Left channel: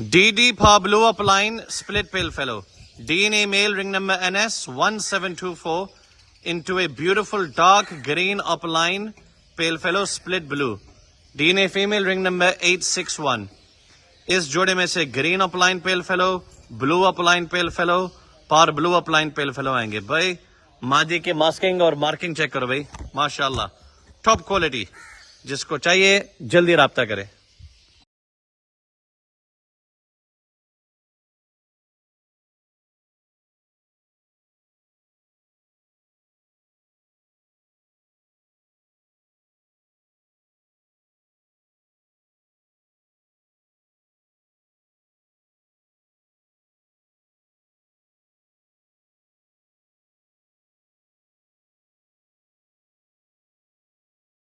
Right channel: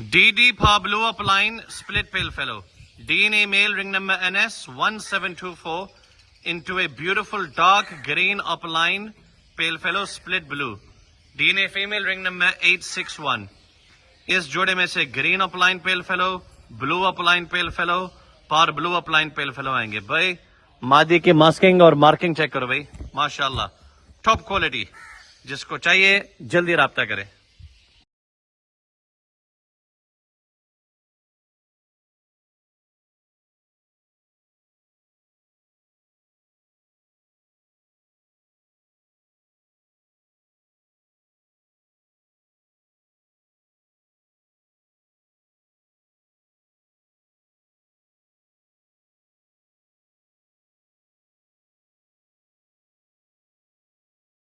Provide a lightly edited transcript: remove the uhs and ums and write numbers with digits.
DD Parblue Opaline split Palefellow. DNA male ring number Rs.160K into a beautiful dark green Opaline Palefellow split blue. DNA female ring number 861. इस जोड़े में से green upline पेलफेलो, blue upline पेलफेलो, पार्ब्लू upline पेलफेलो आएंगे। भाई मादी की masking और marking check करो भाई, माशाल्लाह टॉप क्वालिटी। जिसको चाहिए जल्दी राब्ता करें।